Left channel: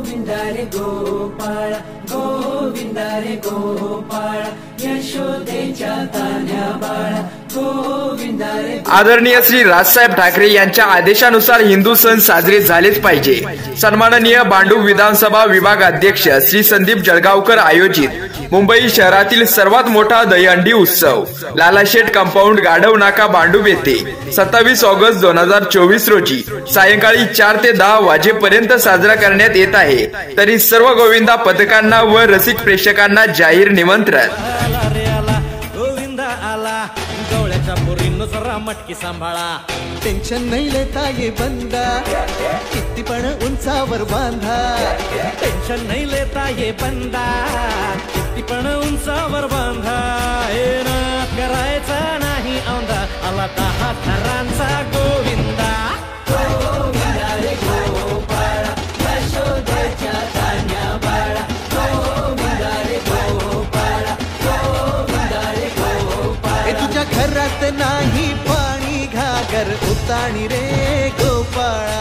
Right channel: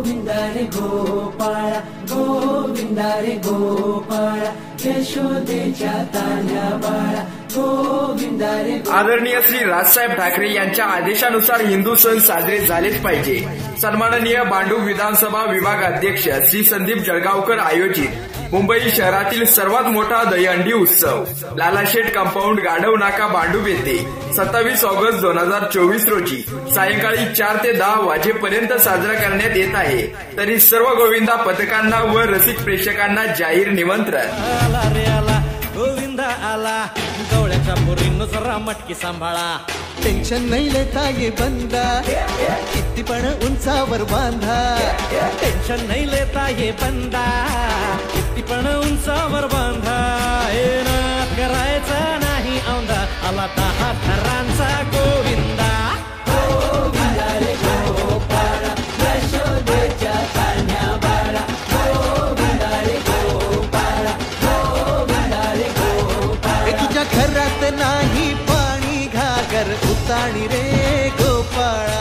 गोविंदा रे गोपाळ गोविंदा रे गोपाळ यशोदेच्या तान्ह्या बाळा गोविंदा रे। आदरणीय श्री राजसाहेब ठाकरे यांच्या आदेशानुसार हिंदू सण साजरे झालेच पाहिजे। सन्माननीय भांडूप विधानसभा विभाग अध्यक्ष श्री संदीप जळगावकर आयोजित मुंबई शहरातील सर्वात मोठा दहीहंडी उत्सव लालाशेठ कंपाऊंड गाढव नाका भांडूप येथे 27 ऑगस्ट 2024 रोजी सायंकाळी 4 ते 10 वाजेपर्यंत साजरा करण्यात येत आहे। तरी सर्व गोविंदा पथकांना व रसिक प्रेक्षकांना जाहीर निमंत्रण। गोविंदा आला गवळ्याच्या पोरींनो जरा मटकी सांभाळा। टेन्शन नाही लेता ये बंदा किती पण उंचावर बांधा। टेन्शन नाही लेता ये बंदा किती पण उंचावर बांधा। हे नाथ करायचा नाही औंधा आला 10 थरांचा गोविंदा। गोविंदा रे गोपाळ यशोदेच्या तान्ह्या बाळा गोविंदा रे गोपाळ गोविंदा रे गोपाळ। हे तुझ्या घरात नाही पाणी घागर उताणी रे गोपाळा।